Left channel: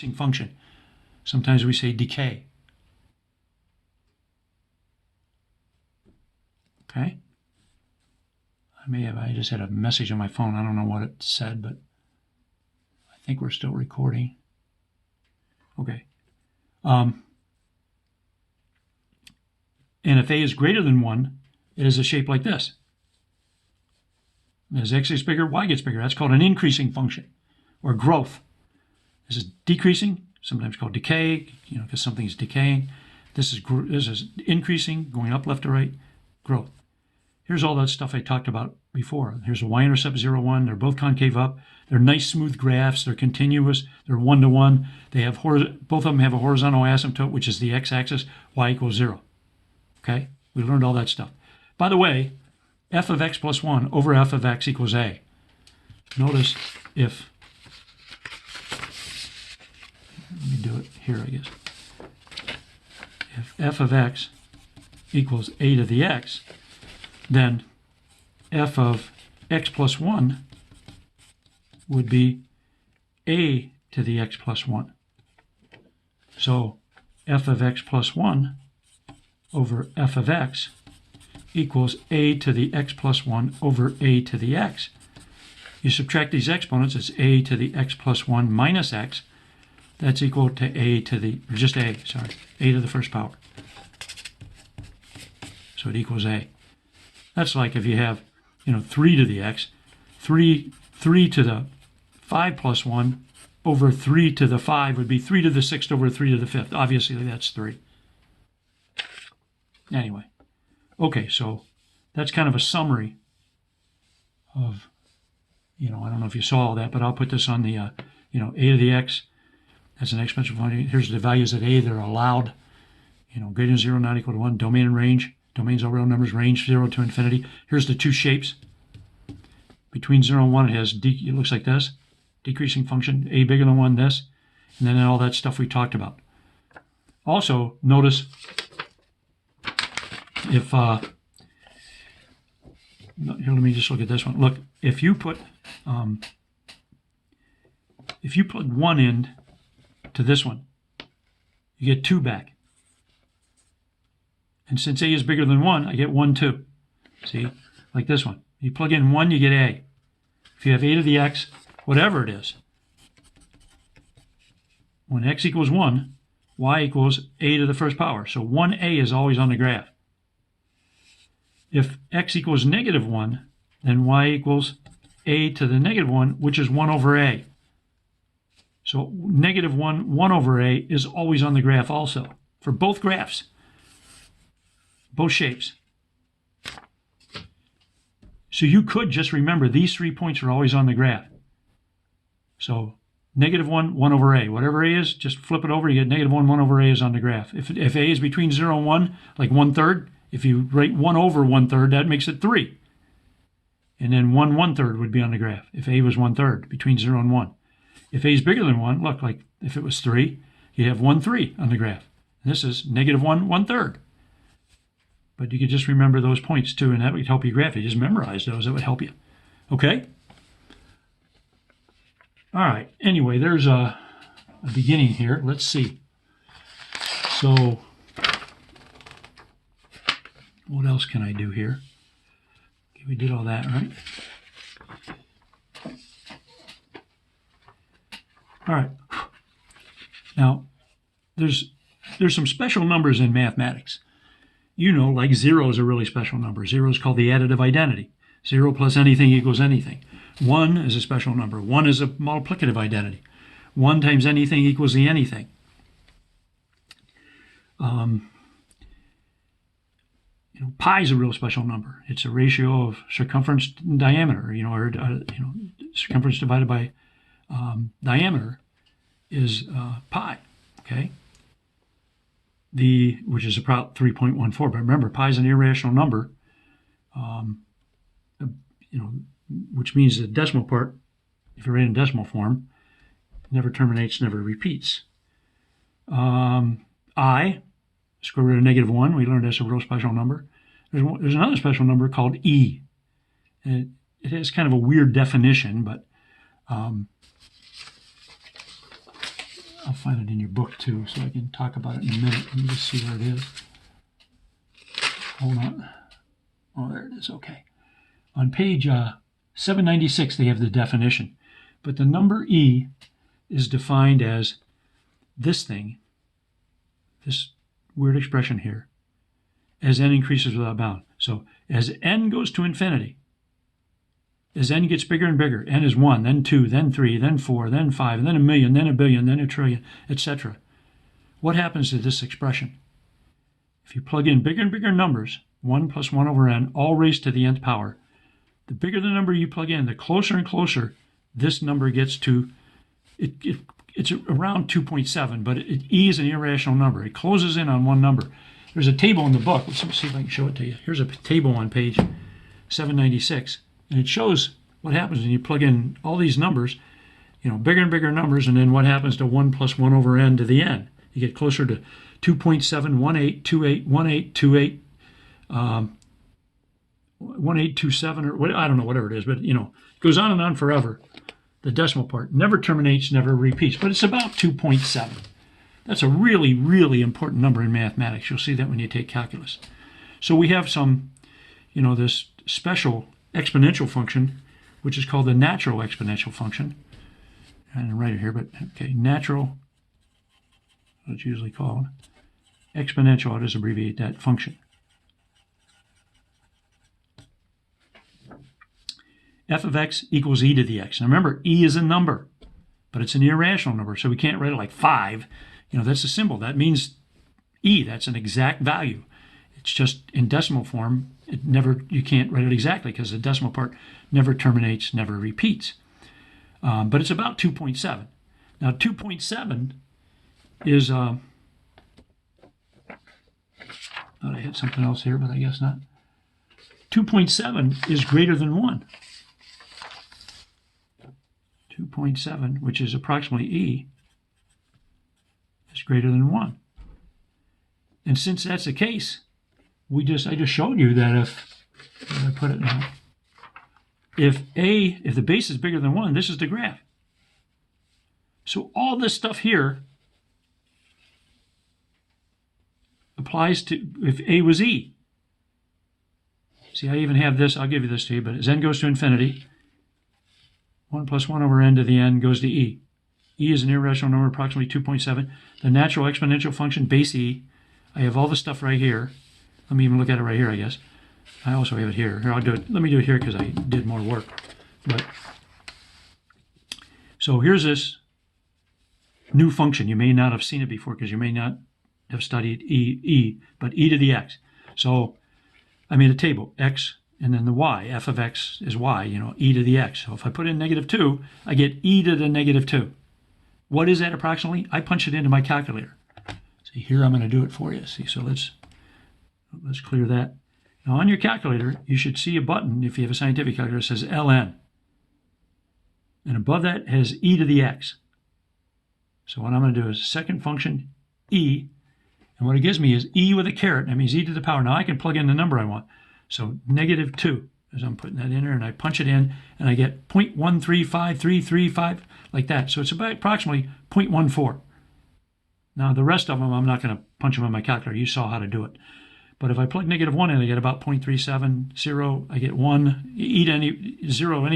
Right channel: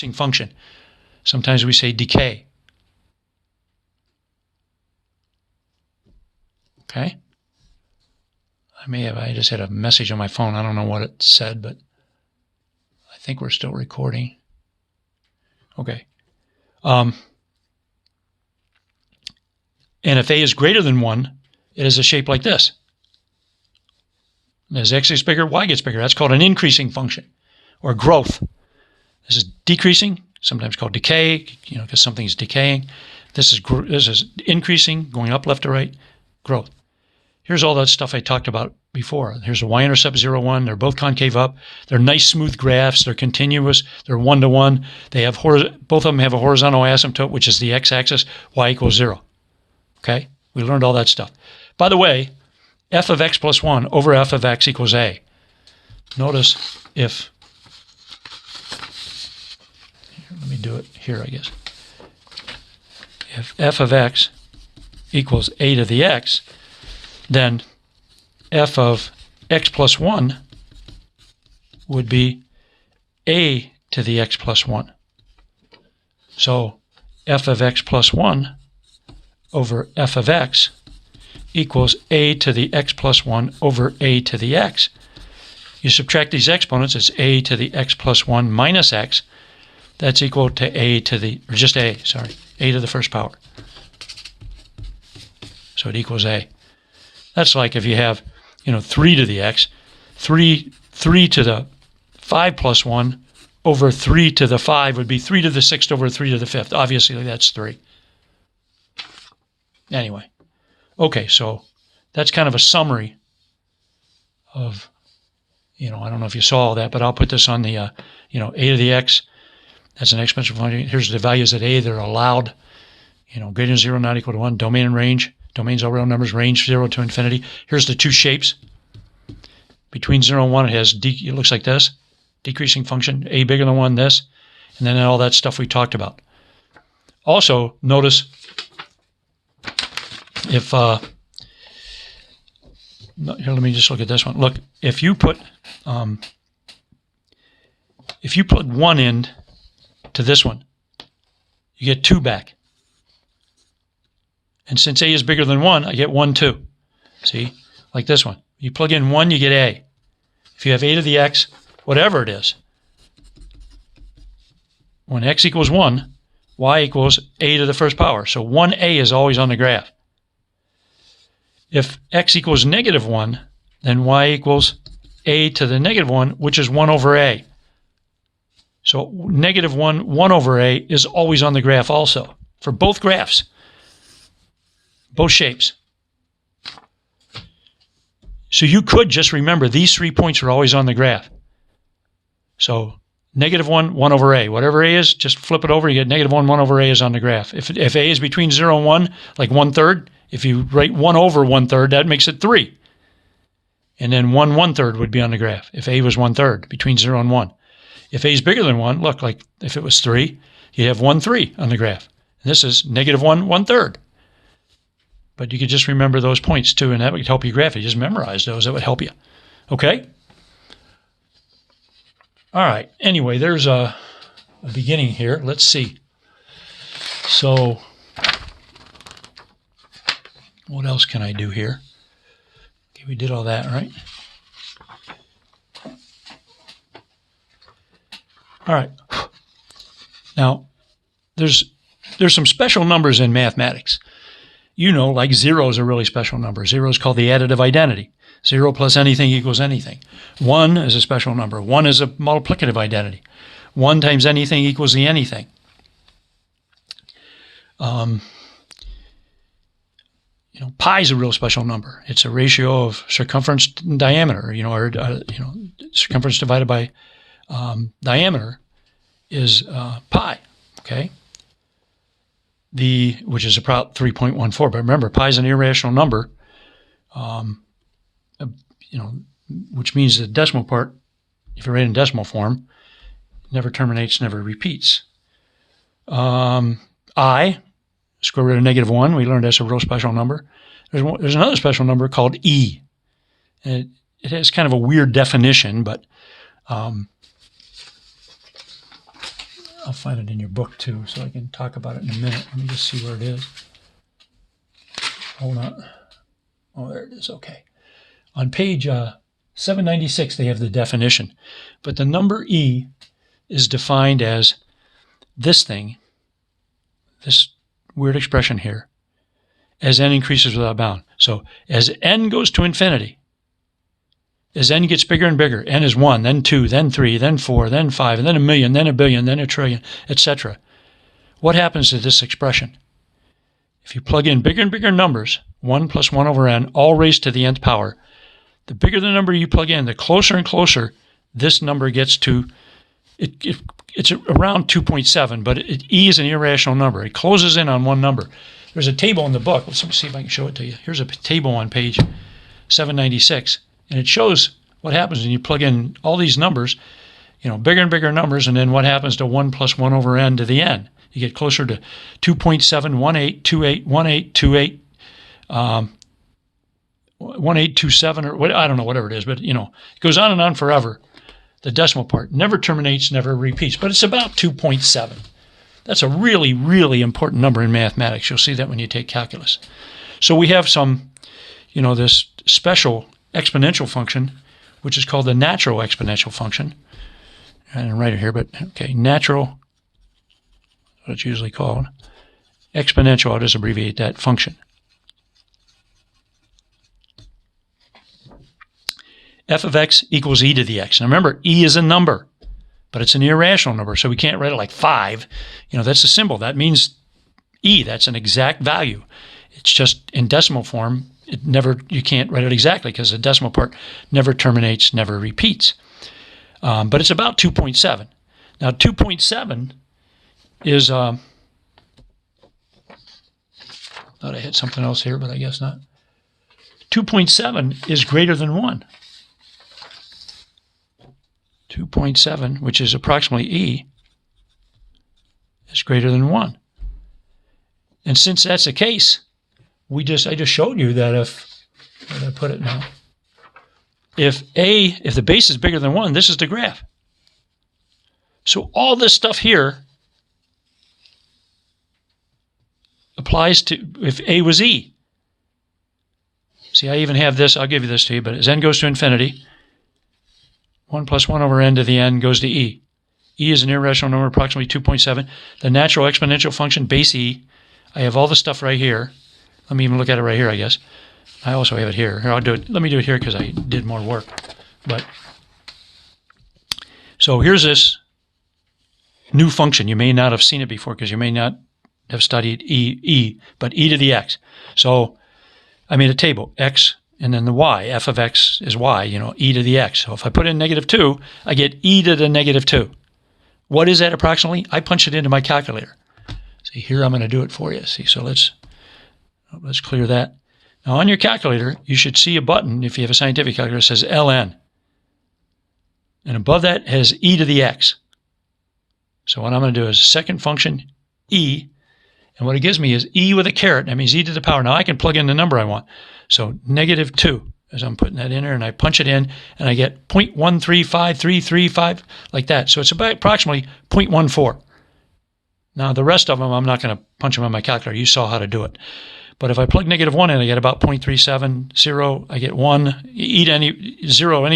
decreasing function. Sometimes we say decay. Okay? I just had a message on my phone. I don't know what it said, but I think we're still recording. Okay. And if A is greater than 1, it is a shape like this. As X gets bigger, Y gets bigger. That's called an increasing function or growth. This is decreasing, sometimes called decay, because something is decaying. This is increasing, going up left to right, growth. Here's all that stuff I talked about before. Here's a y-intercept 0, 1. They're both concave up. They're nice, smooth graphs. They're continuous. They're one-to-one. They have both of them have a horizontal asymptote, which is the x-axis, y equals 0. Okay? We learned all that stuff. By the way, f of x plus 1 over f of x equals a. Notice if, let me do it here, I guess. If f of x equals a to the x, then f of x plus 1 would be a to the x plus 1. So f of x plus 1 over f of x equals a to the x plus 1 over a to the x. You subtract these exponents, it's a to the x plus 1 minus x. That's equal to a to the, or just a, sorry, a to the first power. So it equals a. That's like if you have, 3 to the x, 3 to the 5 plus 1 over 3 to the 5 would be 3 to the 6th over 3 to the 5th. Obviously, that's 3. Anyway, okay, so that's kind of a summary of, I don't know if you saw all that, but I'll put this on the, a to the x. That's an exponential function. Here's the values at a. They're allowed, greater than 0, not equal to 1. Domain and range. Domains all real numbers, range 0 to infinity. Here's the two shapes. Between 0 and 1, it looks like this. Decreasing function, a bigger than 1, this. And then all that stuff we talked about. Also, notice if, here, let me just look at this one. Look, if you plug 1 end to this one, you get 2 back. And since a is bigger than 1, I get 1, 2. See? Like this one. You plug in 1, you get a. If you have a to the x, whatever it is, when x equals 1, y equals a to the first power. So 1a is always on the graph. If x equals negative 1, then y equals a to the negative 1, which is 1 over a. So negative 1, 1 over a is always on the graph also, for both graphs. Both shapes. So you could just remember these 3 points are always on the graph. So negative 1, 1 over a. Whatever a is, just flip it over, you get negative 1, 1 over a is on the graph. If a is between 0 and 1, like 1/3, if you write 1 over 1/3, that makes it 3. And then 1 1/3 would be on the graph, if a was 1/3, between 0 and 1. If a is bigger than 1, look, like if it was 3, you have 1 3 on the graph. And this is negative 1 1/3. But you could just remember those points too, and that would help you graph it. Just memorize those, that would help you. Okay? All right. Anyway, there's a beginning here. Let's see. So, what else can I do here? Okay, we did all that, right? All right. Now, there's some special numbers in mathematics. Like 0 is a really special number. 0 is called the additive identity. 0 plus anything equals anything. 1 is a special number. 1 is a multiplicative identity. 1 times anything equals the anything. Pi is a real special number. It's a ratio of circumference and diameter, circumference divided by diameter is pi, okay? Which is about 3.14. But remember, pi is an irrational number, which means the decimal part, if you write in decimal form, never terminates, never repeats. I, square root of -1, we learned that's a real special number. There's another special number called e. And it has kind of a weird definition, but I'll find it in your book too, so I can talk about it in a minute. Let me just see where it is. Hold on. Oh, there it is. Okay. On page 796, they have the definition. But the number e is defined as this thing, this weird expression here, as n increases without bound. So as n goes to infinity, as n gets bigger and bigger, n is 1, then 2, then 3, then 4, then 5, and then a million, then a billion, then a trillion, etc. What happens to this expression? If you plug in bigger and bigger numbers, 1 plus 1 over n, all raised to the nth power, the bigger the number you plug in, the closer and closer this number gets to, it's around 2.7, but e is an irrational number. It closes in on one number. There's a table in the book. Let me see if I can show it to you. Here's a table on page 796, and it shows what happens when you plug in all these numbers, bigger and bigger numbers, and then what happens to 1 plus 1 over n to the n. You get closer to 2.7, 18, 28, 1827, or what, I don't know, whatever it is, but it goes on and on forever. The decimal part never terminates, never repeats, but it's about 2.7. That's a really, really important number in mathematics. You'll see that when you take calculus. So we have some, this special exponential function, which is called the natural exponential function. I didn't write it here, but okay, natural, what it's usually called. Exponential, I'll just abbreviate that function. F of x equals e to the x. Now remember, e is a number, but it's an irrational number, so we can't write it like 5. That's a symbol. That means e. That's an exact value. It's just in decimal form. You can't write it exactly because the decimal part never terminates, never repeats. But it's about 2.7. Now 2.7 is, thought I had something else here, but I guess not. 2.7 is greater than 1. 2.7, which is approximately e, is greater than 1. And since that's the case, I just showed you that where did I put it now? If the base is bigger than 1, this is the graph. So all this stuff here applies to if a was e. See, I even have this, I'll give you this to you, but as n goes to infinity, 1 plus 1 over n to the n goes to e. E is an irrational number, approximately 2.7. The natural exponential function, base e, I have all the stuff right here. Let me even look at it right here, I guess. I also have it here. Here, I'll do it. Let me do it here because I did more work. So here's this new function. You may not have seen it before because you may not have studied e, but e to the x. So I made a table, x, and then the y. F of x is y, e to the x. So if I put in -2, I get e to the -2. What is that approximately? I punch it into my calculator. See, here I'm going to do it for you. See, so let's clear that. Now on your calculator, you should see a button, if you have a scientific calculator, that says ln. And above that has e to the x. So what I'm going to do is second function, e, and what it gives me is e with a caret. That means e to the power. Now I can plug in the number I want. So -2, as I'm putting that in there, and I punch it in, and I get 0.135335, like that. So it's about approximately 0.14. Now the rest of them, I'm not going to punch them on my calculator. You saw how to do it. But if I plug -1 in, I get about 0.370. I get 1. E to any 0,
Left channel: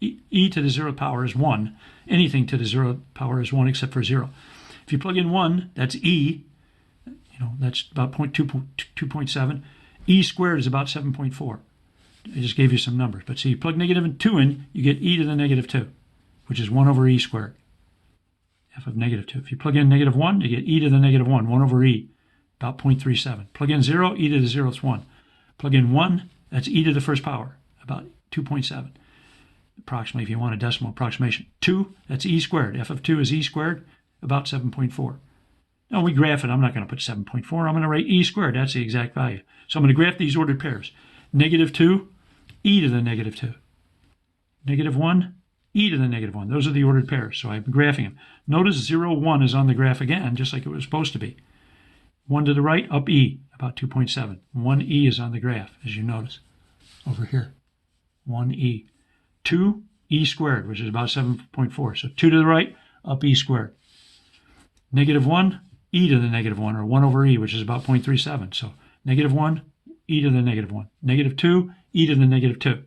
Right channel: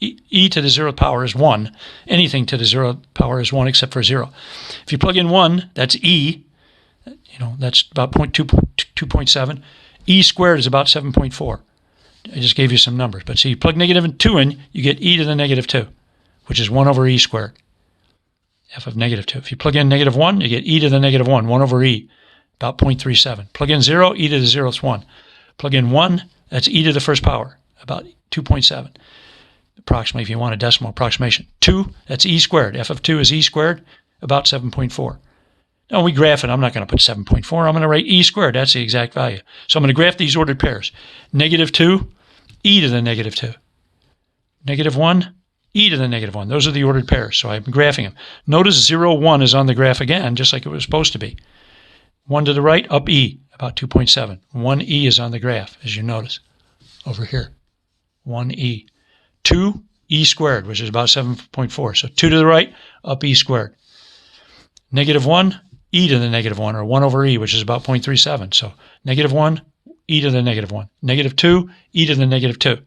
e to the 0th power is 1. Anything to the 0th power is 1 except for 0. If you plug in 1, that's e. That's about 2.7. E squared is about 7.4. I just gave you some numbers. But see, you plug -2 in, you get e to the -2, which is 1 over e squared. F of -2. If you plug in -1, you get e to the -1, 1 over e, about 0.37. Plug in 0, e to the 0th 1. Plug in 1, that's e to the first power, about 2.7. Approximately, if you want a decimal approximation. 2, that's e squared. F of 2 is e squared, about 7.4. Now we graph it. I'm not going to put 7.4. I'm going to write e squared. That's the exact value. So I'm going to graph these ordered pairs. -2, e to the -2. -1, e to the -1. Those are the ordered pairs. So I'm graphing them. Notice 0, 1 is on the graph again, just like it was supposed to be. 1 to the right, up e, about 2.7. 1e is on the graph, as you notice, over here. 1e. 2, e squared, which is about 7.4. So 2 to the right, up e squared. negative 1, e to the negative 1, or 1 over e, which is about 0.37. So negative 1, e to the negative 1. Negative 2, e to the negative 2.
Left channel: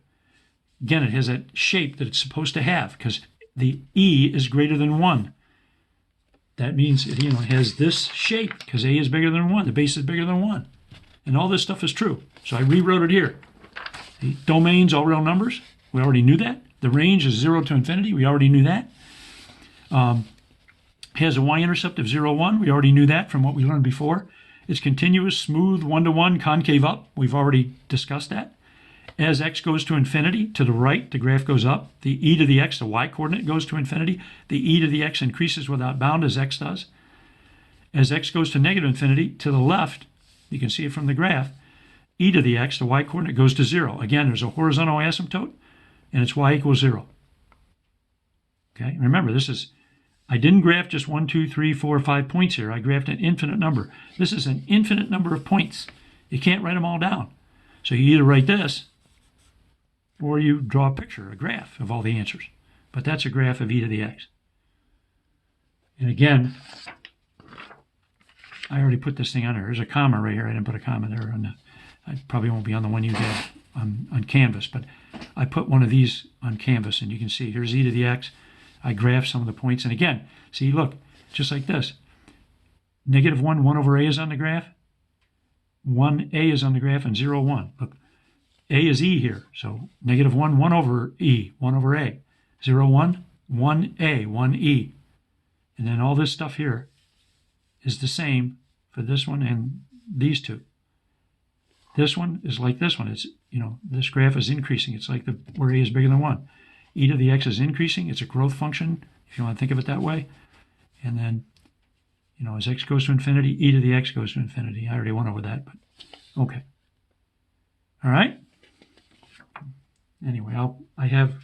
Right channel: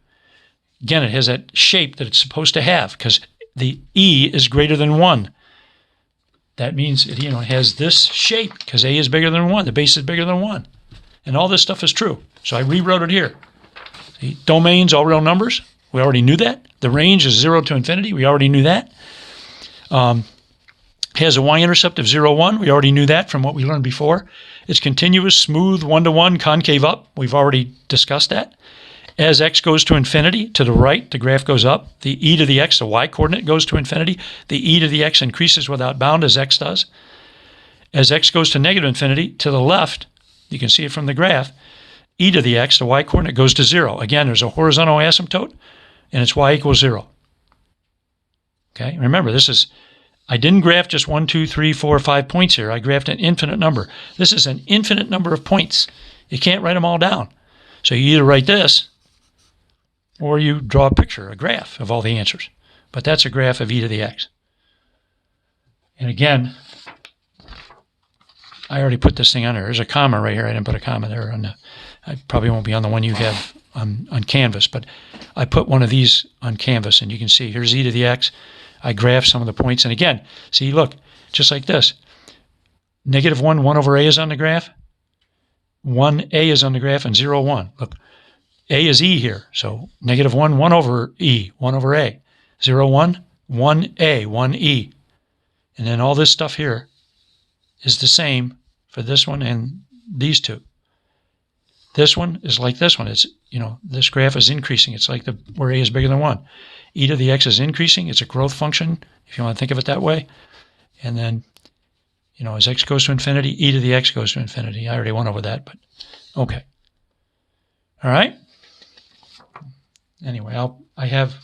Again, it has that shape that it's supposed to have because the e is greater than 1. That means it has this shape because a is bigger than 1. The base is bigger than 1. And all this stuff is true. So I rewrote it here. The domains, all real numbers. We already knew that. The range is 0 to infinity. We already knew that. Has a y-intercept of 0, 1. We already knew that from what we learned before. It's continuous, smooth, 1-to-1, concave up. We've already discussed that. As x goes to infinity, to the right, the graph goes up. The e to the x, the y-coordinate, goes to infinity. The e to the x increases without bound as x does. As x goes to negative infinity, to the left, you can see it from the graph, e to the x, the y-coordinate, goes to 0. Again, there's a horizontal asymptote, and it's y equals 0. Okay, remember, I didn't graph just 1, 2, 3, 4, 5 points here. I graphed an infinite number. This is an infinite number of points. You can't write them all down. So you either write this, or you draw a picture, a graph of all the answers. But that's a graph of e to the x. And again, I already put this thing on there. There's a comma right here. I didn't put a comma there. I probably won't be on the one you have on Canvas, but I put one of these on Canvas, and you can see here's e to the x. I graphed some of the points. And again, see, look, just like this. Negative 1, 1 over a is on the graph. 1a is on the graph, and 0, 1. Look. A is e here, so negative 1, 1 over e, 1 over a. 0, 1, 1a, 1e. And then all this stuff here is the same for this one and these two. This one is like this one. It's, this graph is increasing. It's like where a is bigger than 1. E to the x is increasing. It's a growth function, if you want to think of it that way. And then, as x goes to infinity, e to the x goes to infinity. I already went over that, but okay. All right? Anyway, I have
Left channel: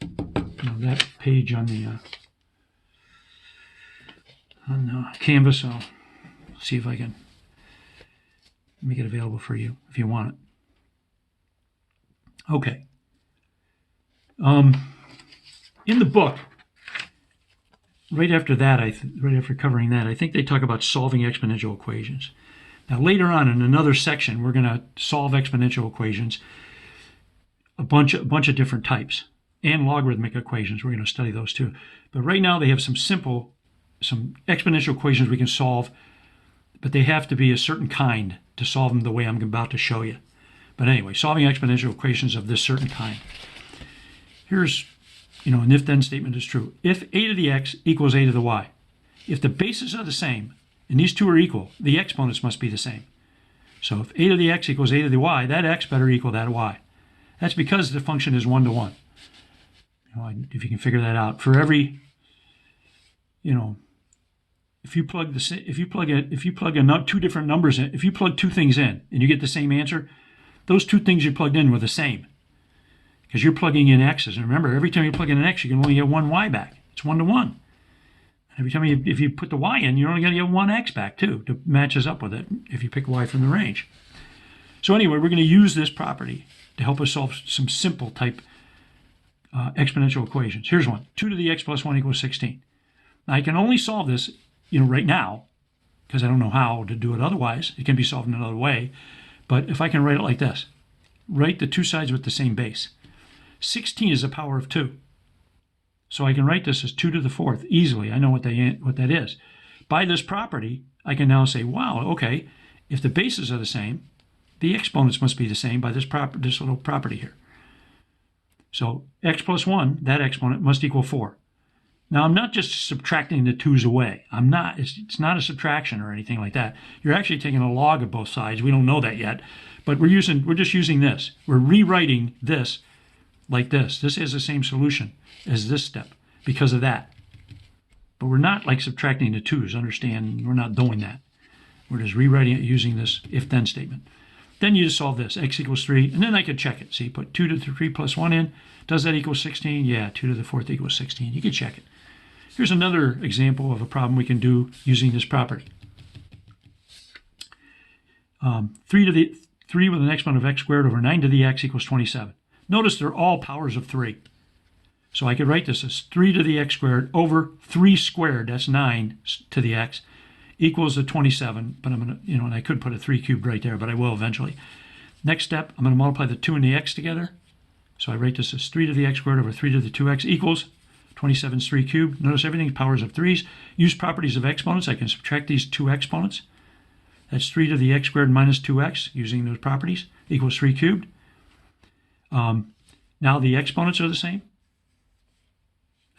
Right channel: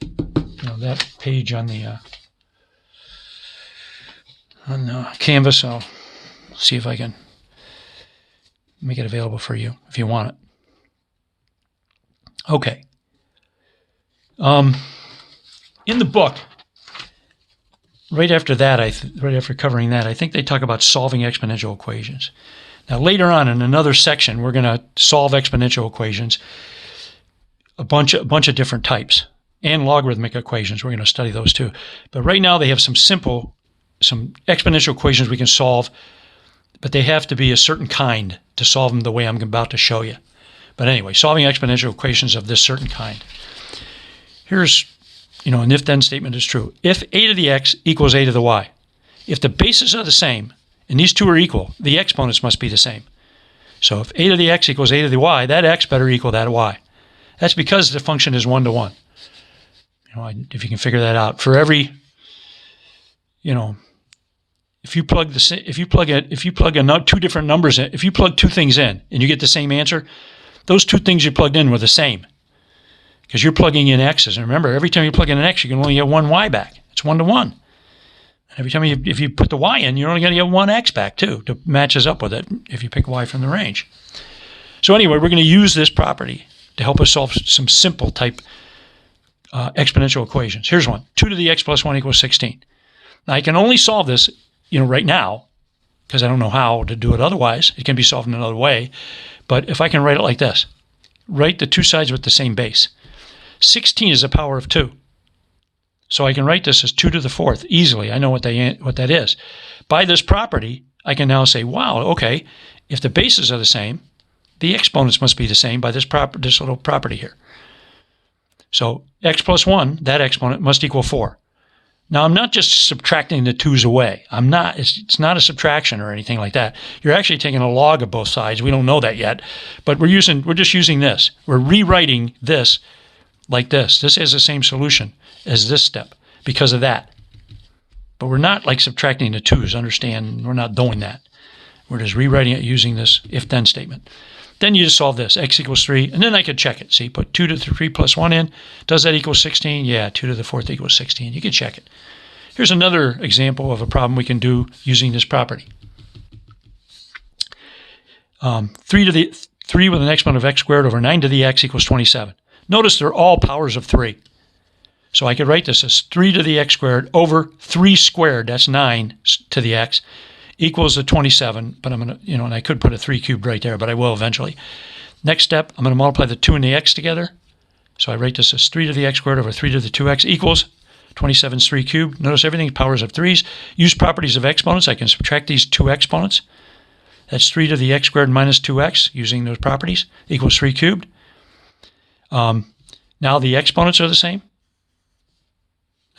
that page on the Canvas. I'll see if I can make it available for you if you want it. Okay. In the book, right after covering that, I think they talk about solving exponential equations. Now, later on in another section, we're going to solve exponential equations. A bunch of different types, and logarithmic equations. We're going to study those too. But right now they have some exponential equations we can solve, but they have to be a certain kind to solve them the way I'm about to show you. But anyway, solving exponential equations of this certain kind. Here's, an if-then statement is true. If a to the x equals a to the y, if the bases are the same, and these two are equal, the exponents must be the same. So if a to the x equals a to the y, that x better equal that y. That's because the function is 1 to 1. If you can figure that out, for every, if you plug two different numbers in, if you plug two things in and you get the same answer, those two things you plugged in were the same, because you're plugging in x's. And remember, every time you plug in an x, you can only get one y back. It's 1 to 1. And every time if you put the y in, you're only going to get one x back too, to matches up with it if you pick y from the range. So anyway, we're going to use this property to help us solve some simple type exponential equations. Here's one. 2 to the x plus 1 equals 16. Now, I can only solve this, right now, because I don't know how to do it otherwise. It can be solved in another way. But if I can write it like this, write the two sides with the same base. 16 is the power of 2. So I can write this as 2 to the 4th easily. I know what that is. By this property, I can now say, wow, okay, if the bases are the same, the exponents must be the same by this little property here. So x plus 1, that exponent must equal 4. Now, I'm not just subtracting the 2's away. It's not a subtraction or anything like that. You're actually taking a log of both sides. We don't know that yet, but we're just using this. We're rewriting this like this. This has the same solution as this step because of that. But we're not like subtracting the 2's. Understand, we're not doing that. We're just rewriting it using this if-then statement. Then you just solve this, x equals 3, and then I can check it. See, put 2 to the 3 plus 1 in. Does that equal 16? Yeah, 2 to the 4th equals 16. You can check it. Here's another example of a problem we can do using this property. 3 with an exponent of x squared over 9 to the x equals 27. Notice they're all powers of 3. So I could write this as 3 to the x squared over 3 squared, that's 9 to the x, equals the 27. But I'm going to, and I could put a 3 cubed right there, but I will eventually. Next step, I'm going to multiply the 2 and the x together. So I write this as 3 to the x squared over 3 to the 2x equals 27 is 3 cubed. Notice everything's powers of 3's. Use properties of exponents. I can subtract these two exponents. That's 3 to the x squared minus 2x using those properties equals 3 cubed. Now the exponents are the same.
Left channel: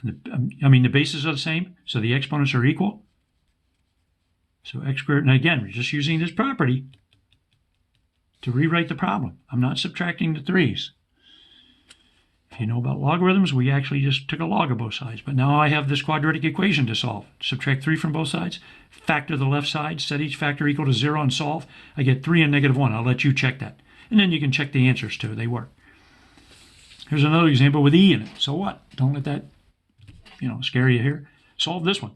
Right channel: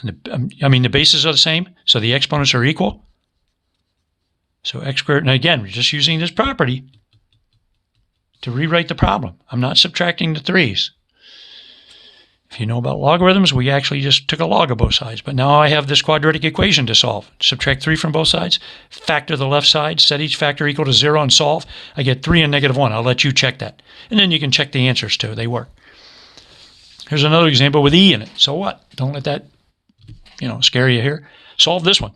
And the bases are the same, so the exponents are equal. So x squared, and again, we're just using this property to rewrite the problem. I'm not subtracting the 3's. If you know about logarithms, we actually just took a log of both sides. But now I have this quadratic equation to solve. Subtract 3 from both sides, factor the left side, set each factor equal to 0, and solve. I get 3 and negative 1. I'll let you check that. And then you can check the answers too. They work. Here's another example with e in it. So what? Don't let that scare you here. Solve this one.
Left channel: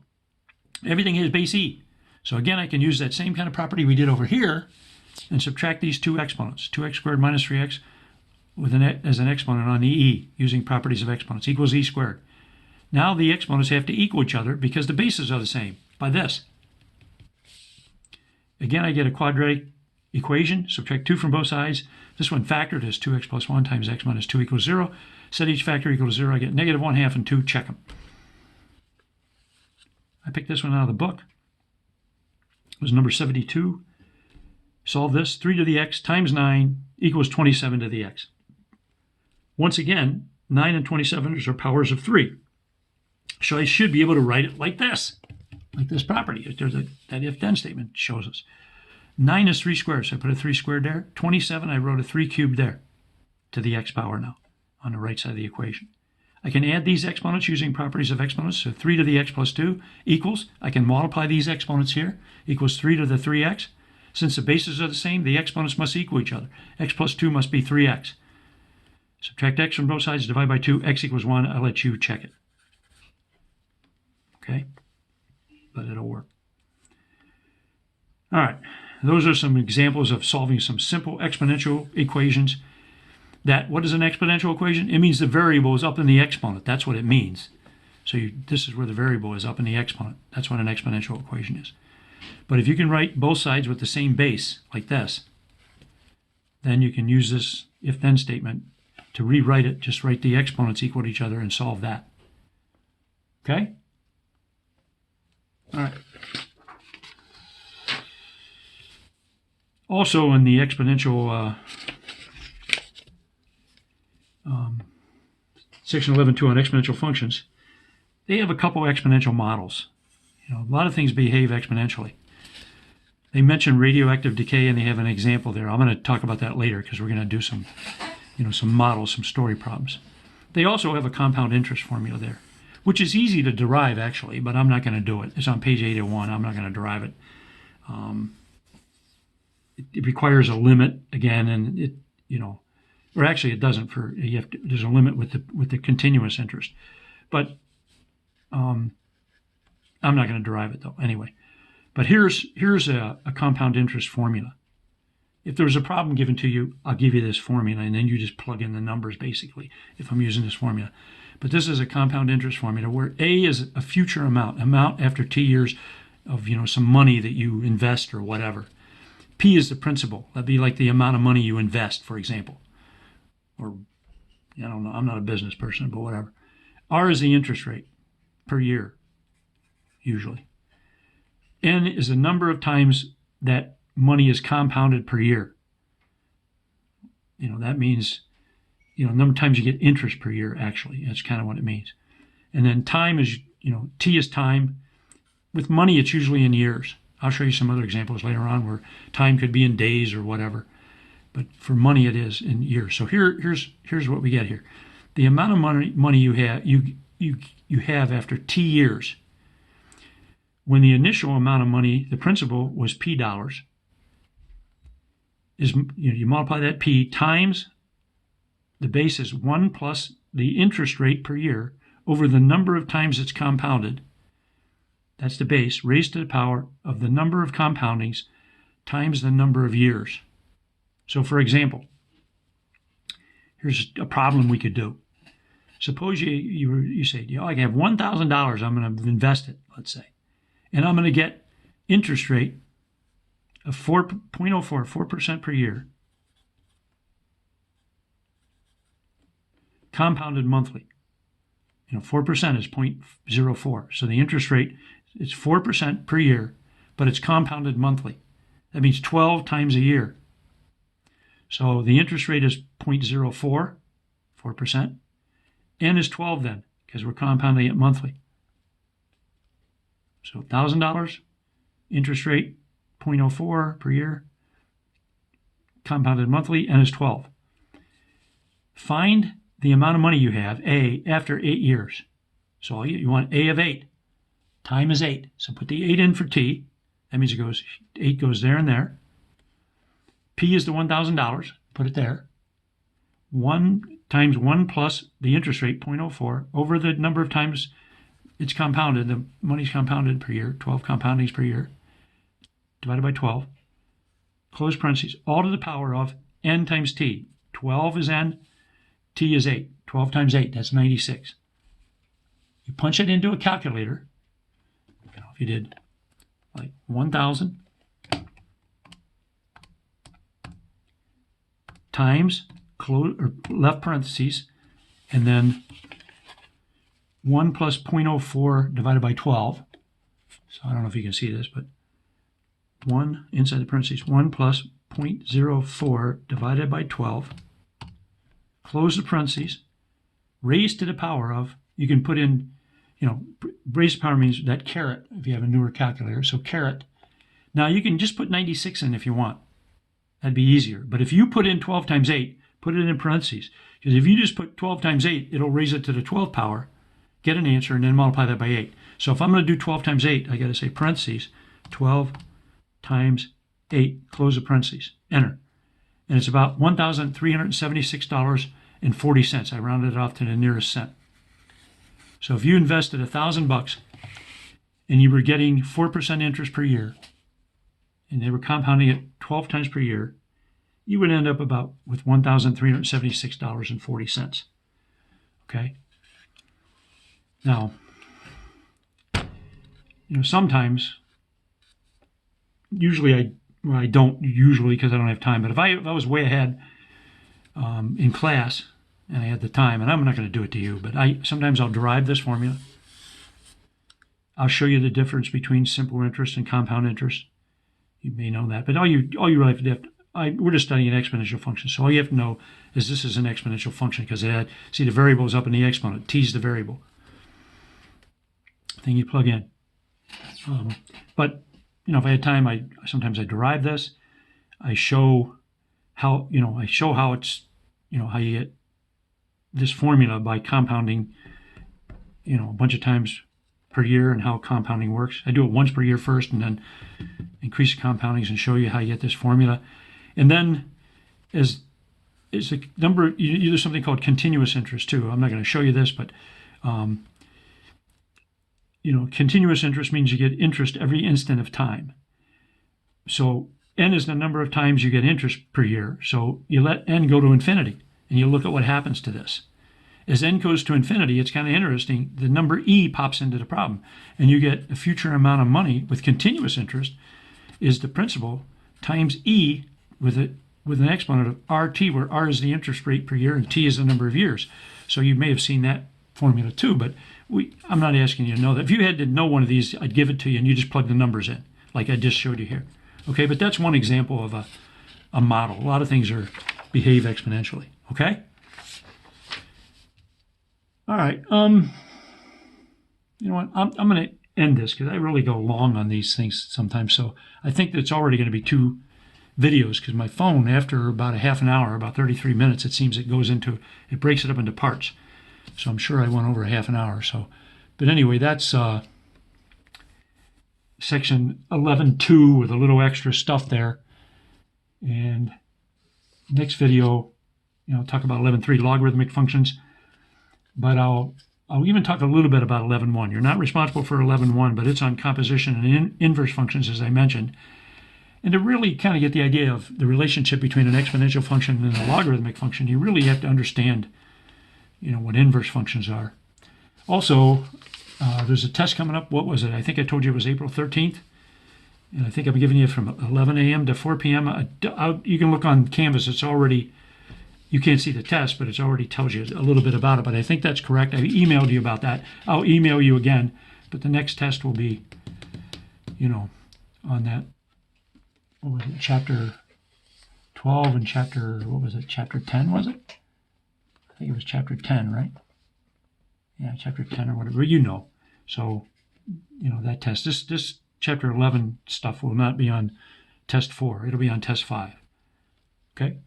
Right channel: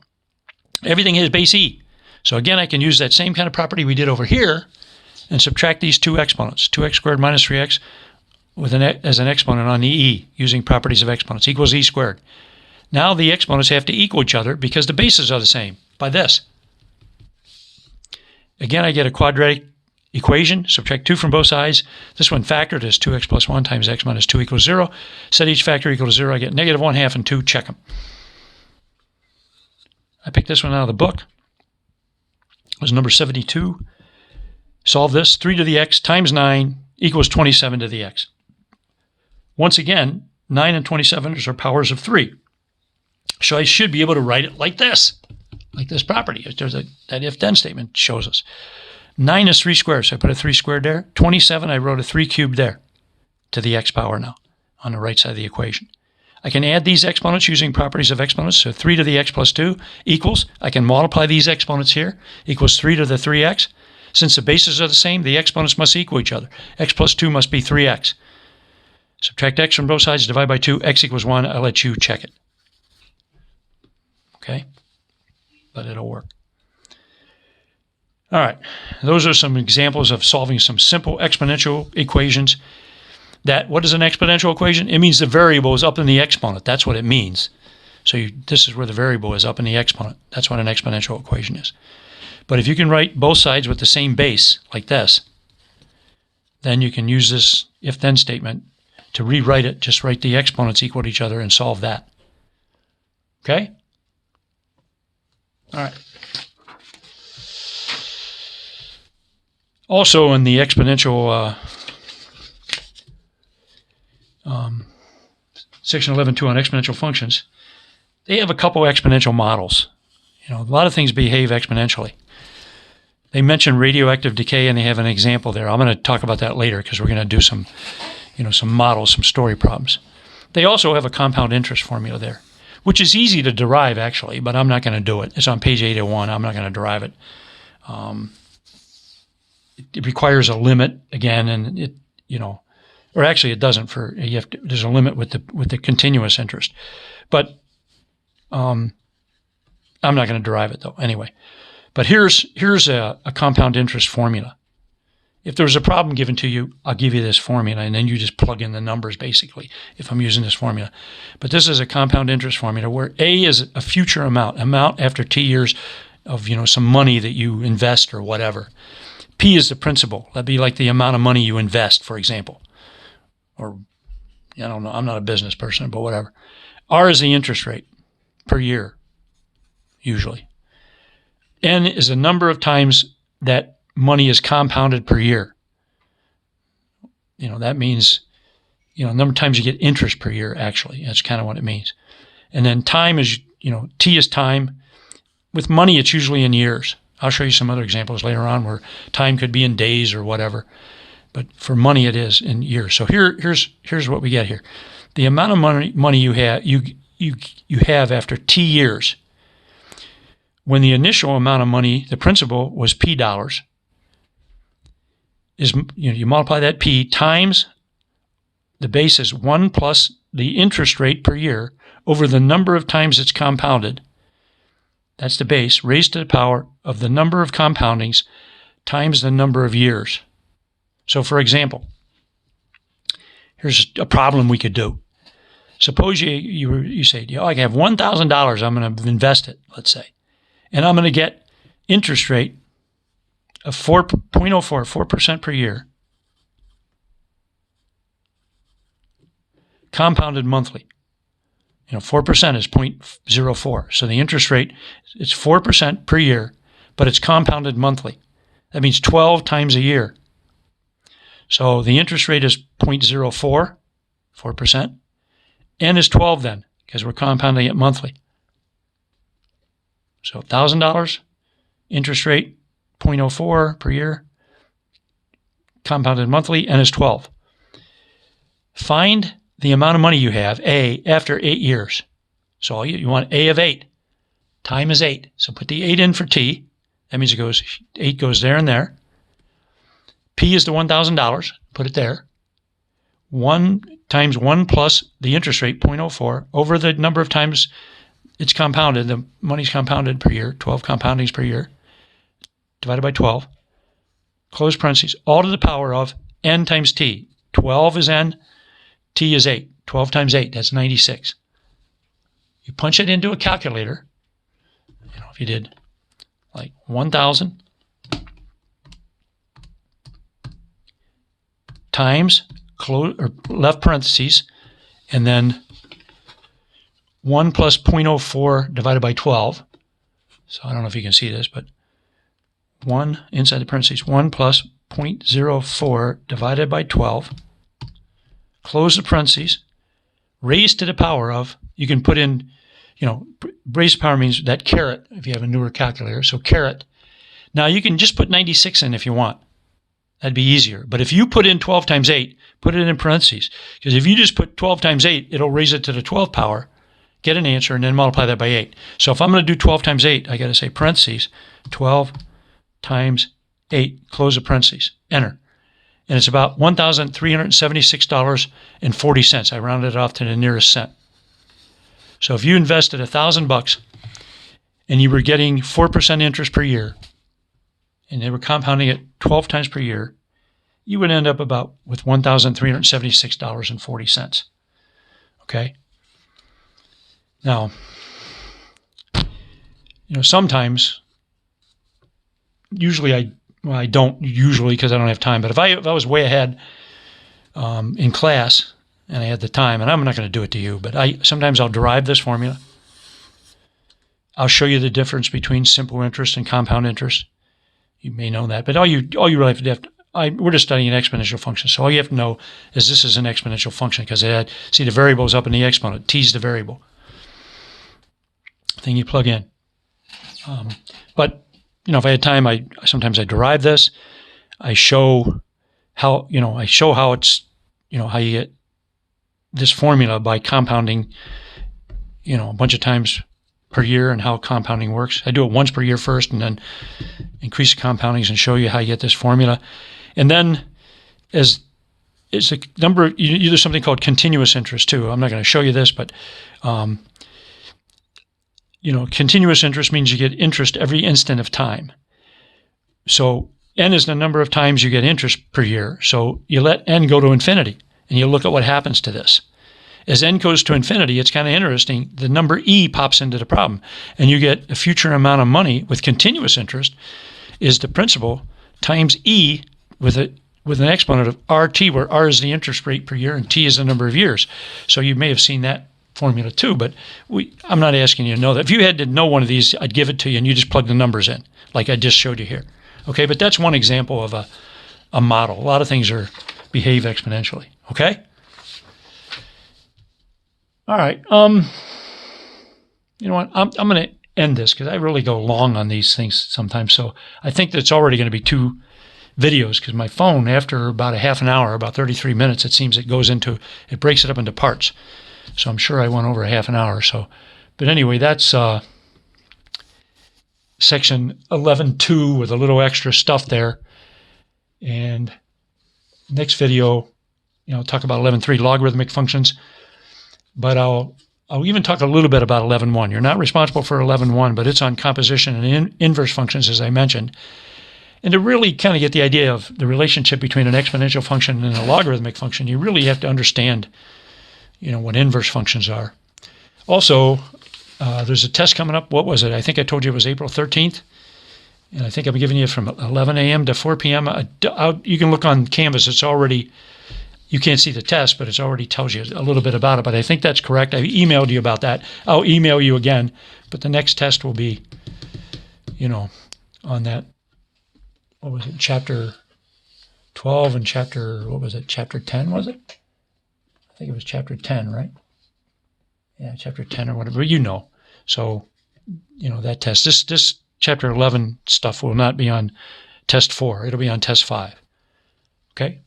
Everything has base e. So again, I can use that same kind of property we did over here and subtract these two exponents. 2x squared minus 3x as an exponent on the e, using properties of exponents, equals e squared. Now the exponents have to equal each other because the bases are the same by this. Again, I get a quadratic equation, subtract 2 from both sides. This one factored as 2x plus 1 times x minus 2 equals 0. Set each factor equal to 0. I get negative 1/2 and 2. Check them. I picked this one out of the book. It was number 72. Solve this. 3 to the x times 9 equals 27 to the x. Once again, 9 and 27 are powers of 3. So I should be able to write it like this property. There's that if-then statement shows us. 9 is 3 squared, so I put a 3 squared there. 27, I wrote a 3 cubed there to the x power now on the right side of the equation. I can add these exponents using properties of exponents. So 3 to the x plus 2 equals, I can multiply these exponents here, equals 3 to the 3x. Since the bases are the same, the exponents must equal each other. X plus 2 must be 3x. Subtract x from both sides, divide by 2, x equals 1. I'll let you check it. Okay? But it'll work. All right, those are some examples of solving some simple exponential equations. What is an exponential equation? It means the variable is up in the exponent. That's what it means. So this is where the variable is, up in the exponent. That's what an exponential equation is. But if you can write both sides with the same base, like this, then you can use this if-then statement to rewrite it. Just write the exponents equal to each other and solve that. Okay? All right. Also in the exponential section 11.2 on exponential functions, they have a couple exponential models. A lot of things behave exponentially. They mention radioactive decay, and they have an example there. I'm going to talk about that later because we're going to do some, some models, some story problems. They also have a compound interest formula there, which is easy to derive actually, but I'm not going to do it. It's on page 801. I'm not going to derive it. It requires a limit again, and or actually it doesn't. There's a limit with the continuous interest, but I'm not going to derive it though. Anyway, but here's a compound interest formula. If there's a problem given to you, I'll give you this formula, and then you just plug in the numbers basically. If I'm using this formula, but this is a compound interest formula where A is a future amount after T years of some money that you invest or whatever. P is the principal. That'd be like the amount of money you invest, for example. Or, I don't know, I'm not a business person, but whatever. R is the interest rate per year, usually. N is the number of times that money is compounded per year. That means, number of times you get interest per year, actually. That's kind of what it means. And then time is, T is time. With money, it's usually in years. I'll show you some other examples later on where time could be in days or whatever. But for money, it is in years. So here's what we get here. The amount of money you have after T years, when the initial amount of money, the principal, was P dollars, is you multiply that P times the base is 1 plus the interest rate per year over the number of times it's compounded. That's the base, raised to the power of the number of compoundings times the number of years. So for example, here's a problem we could do. Suppose you say, I have $1,000. I'm going to invest it, let's say, and I'm going to get interest rate of 4% per year, compounded monthly. 4% is 0.04. So the interest rate is 4% per year, but it's compounded monthly. That means 12 times a year. So the interest rate is 0.04, 4%. N is 12 then, because we're compounding it monthly. So $1,000, interest rate 0.04 per year, compounded monthly, N is 12. Find the amount of money you have, A, after 8 years. So you want A of 8. Time is 8. So put the 8 in for T. That means 8 goes there and there. P is the $1,000. Put it there. 1 times 1 plus the interest rate, 0.04, over the number of times it's compounded. The money's compounded per year, 12 compoundings per year, divided by 12. Close parentheses, all to the power of N times T. 12 is N. T is 8. 12 times 8, that's 96. You punch it into a calculator. If you did like 1,000 times left parentheses, and then 1 plus 0.04 divided by 12. So I don't know if you can see this, but 1 inside the parentheses, 1 plus 0.04 divided by 12. Close the parentheses, raised to the power of, you can put in, raised to power means that caret, if you have a newer calculator, so caret. Now you can just put 96 in if you want. That'd be easier. But if you put in 12 times 8, put it in parentheses. Because if you just put 12 times 8, it'll raise it to the 12th power, get an answer, and then multiply that by 8. So if I'm going to do 12 times 8, I got to say parentheses, 12 times 8, close the parentheses, enter. And it's about $1,376.40. I rounded it off to the nearest cent. So if you invested $1,000 and you were getting 4% interest per year, and they were compounding it 12 times per year, you would end up with $1,376.40. Okay? Now, sometimes, usually I don't usually because I don't have time, but if I was way ahead in class and I had the time, and I'm not going to do it to you, but sometimes I'll derive this formula. I'll show you the difference between simple interest and compound interest. You may know that, but all you really have to do, we're just studying an exponential function, so all you have to know is this is an exponential function because see the variable is up in the exponent. T is the variable thing you plug in. But if I had time, sometimes I derive this. I show how it's how you get this formula by compounding a bunch of times per year and how compounding works. I do it once per year first and then increase the compoundings and show you how you get this formula. And then as a number, you do something called continuous interest too. I'm not going to show you this, but continuous interest means you get interest every instant of time. So N is the number of times you get interest per year. So you let N go to infinity and you look at what happens to this. As N goes to infinity, it's kind of interesting. The number E pops into the problem and you get a future amount of money with continuous interest is the principal times E with an exponent of RT, where R is the interest rate per year and T is the number of years. So you may have seen that formula too, but I'm not asking you to know that. If you had to know one of these, I'd give it to you and you just plug the numbers in like I just showed you here. Okay, but that's one example of a model. A lot of things behave exponentially. Okay? All right. You know what? I'm going to end this because I really go long on these things sometimes. So I think that's already going to be 2 videos because my phone, after about a half an hour, about 33 minutes, it seems it breaks it up into parts. So I'm sure I went over a half an hour or so. But anyway, that's section 11.2 with a little extra stuff there. And next video, talk about 11.3 logarithmic functions. But I'll even talk a little bit about 11.1. You're not responsible for 11.1, but it's on composition and inverse functions, as I mentioned. And to really kind of get the idea of the relationship between an exponential function and a logarithmic function, you really have to understand what inverse functions are. Also, there's a test coming up. What was it? I think I told you it was April 13th. And I think I'm giving you from 11 a.m. to 4 p.m. You can look on Canvas. It's already, you can't see the test, but it already tells you a little bit about it. But I think that's correct. I emailed you about that. I'll email you again. But the next test will be, on that, what was it, chapter 12 and chapter 10, was it? I think it was chapter 10, right? Yeah, chapter 10 or whatever, So, that test. This chapter 11 stuff will not be on test 4. It'll be on test 5. Okay?